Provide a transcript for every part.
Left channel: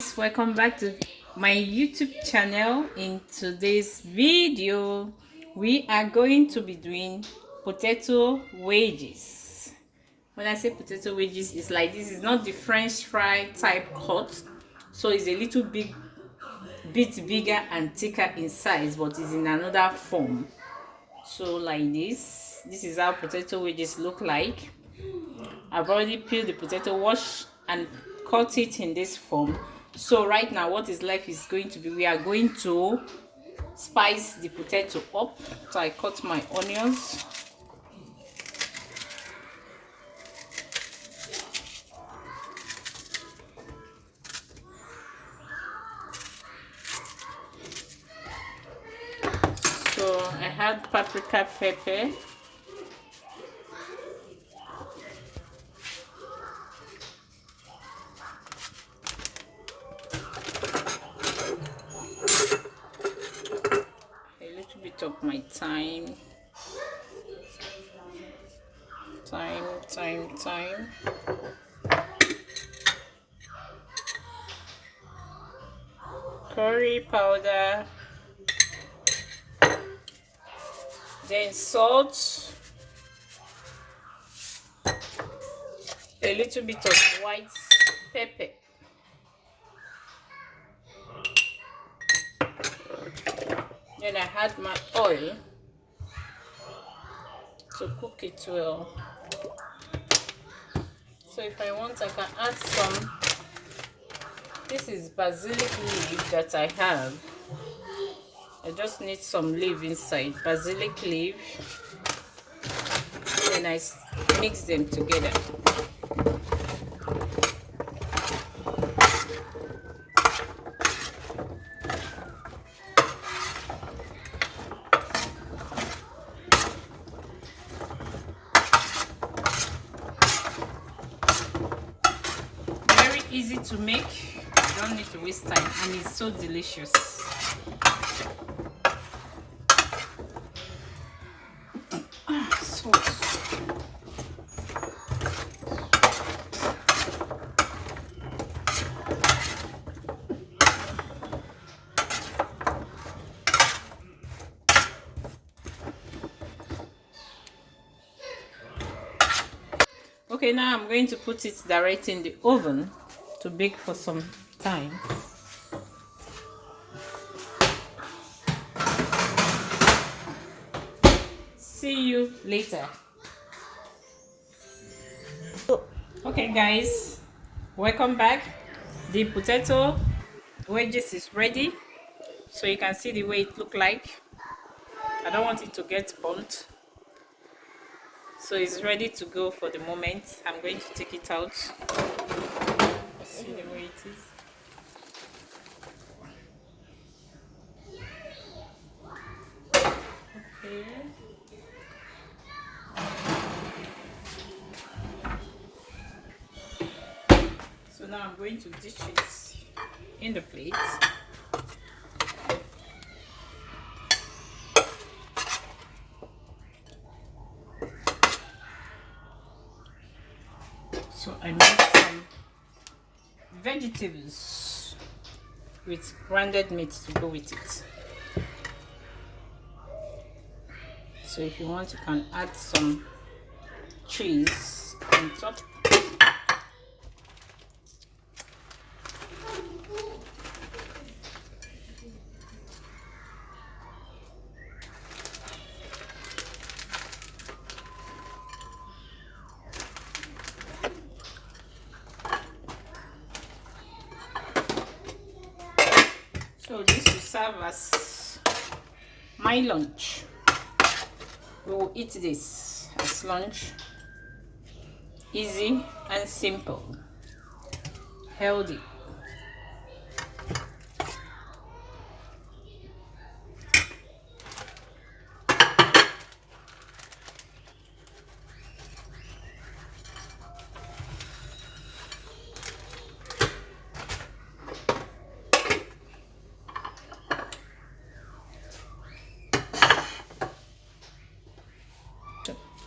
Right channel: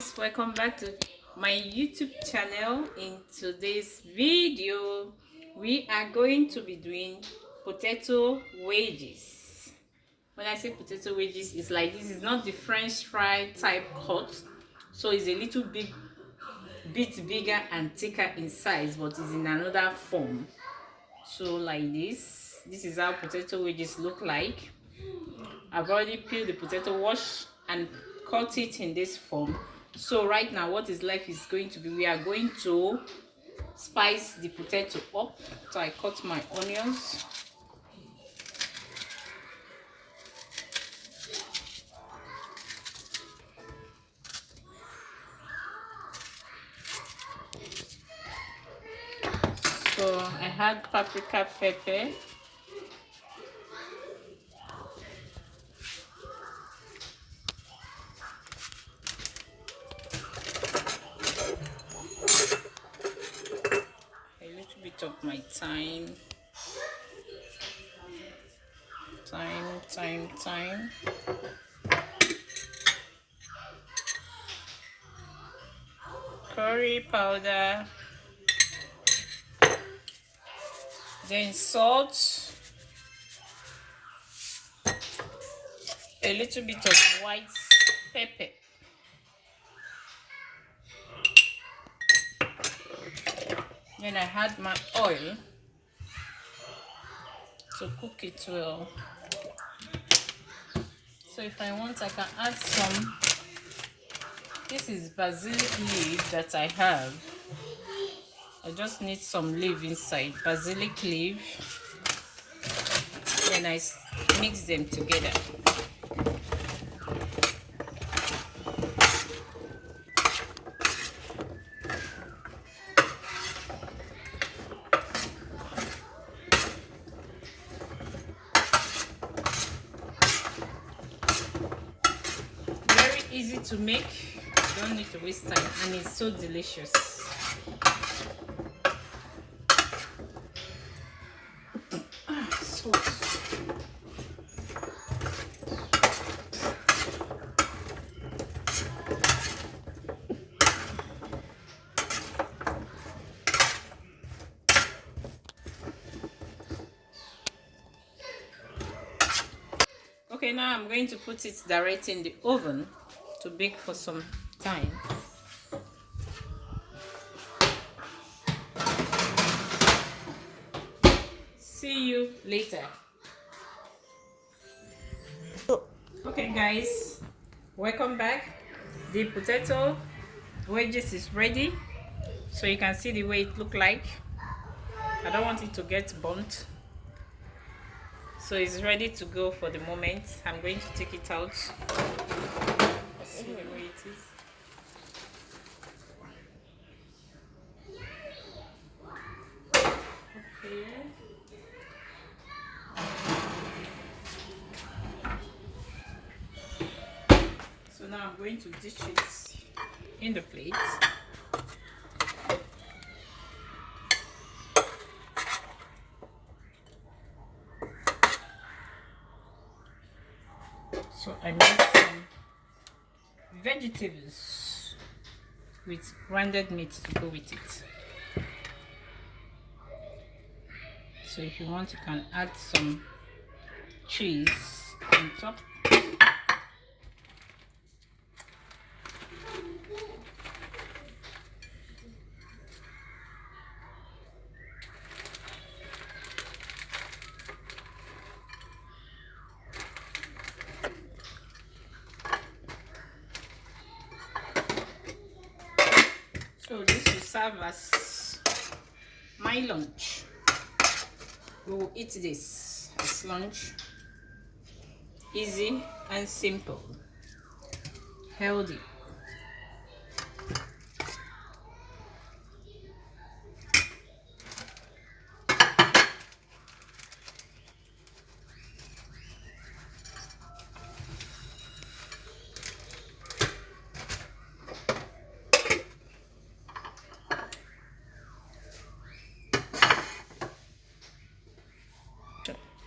Welcome back to my YouTube channel. In today's video we are going to be doing potato wedges. When I say potato wedges, it's like this is not the french fry type cut, so it's a little bit bigger and thicker in size, but it's in another form. So like this is how potato wedges look like. I've already peeled the potato, wash and cut it in this form. So right now what is left is going to be, we are going to spice the potato up. So I cut my onions, so I had paprika, pepper, a little bit of my thyme, curry powder, then salt, a little bit of white pepper, then I had my oil to cook it well. So if I want, I can add some, this is basilic leaf that I have. I just need some leaf inside, basilic leaf, then I mix them together. Very easy to make, you don't need to waste time, and it's so delicious. Okay, now I'm going to put it direct in the oven to bake for some time. See you later. Okay guys, welcome back. The potato wedges is ready, so you can see the way it look like. I don't want it to get burnt, so it's ready to go for the moment. I'm going to take it out. See the way it is. Okay. So now I'm going to dish it in the plate. So I made some vegetables with grounded meat to go with it. So if you want, you can add some cheese on top. So this will serve as my lunch. We will eat this as lunch. Easy and simple, healthy.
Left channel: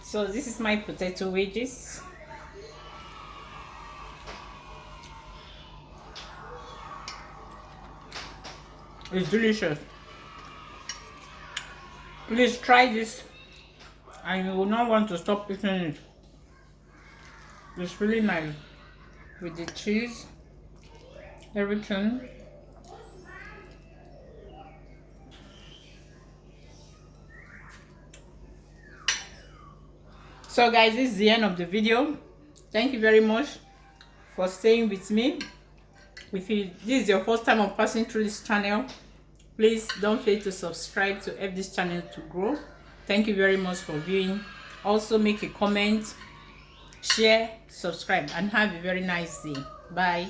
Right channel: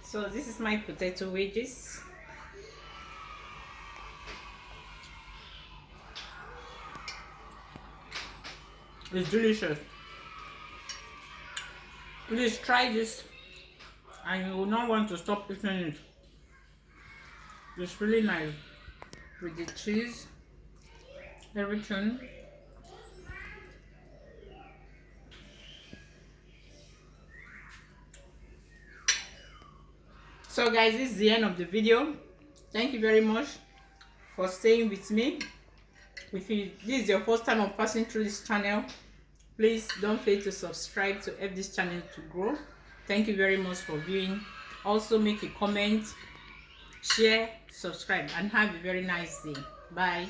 So this is my potato wedges. It's delicious. Please try this and you will not want to stop eating it. It's really nice with the cheese, everything. So guys, this is the end of the video. Thank you very much for staying with me. If this is your first time of passing through this channel, please don't fail to subscribe to help this channel to grow. Thank you very much for viewing. Also make a comment, share, subscribe, and have a very nice day. Bye.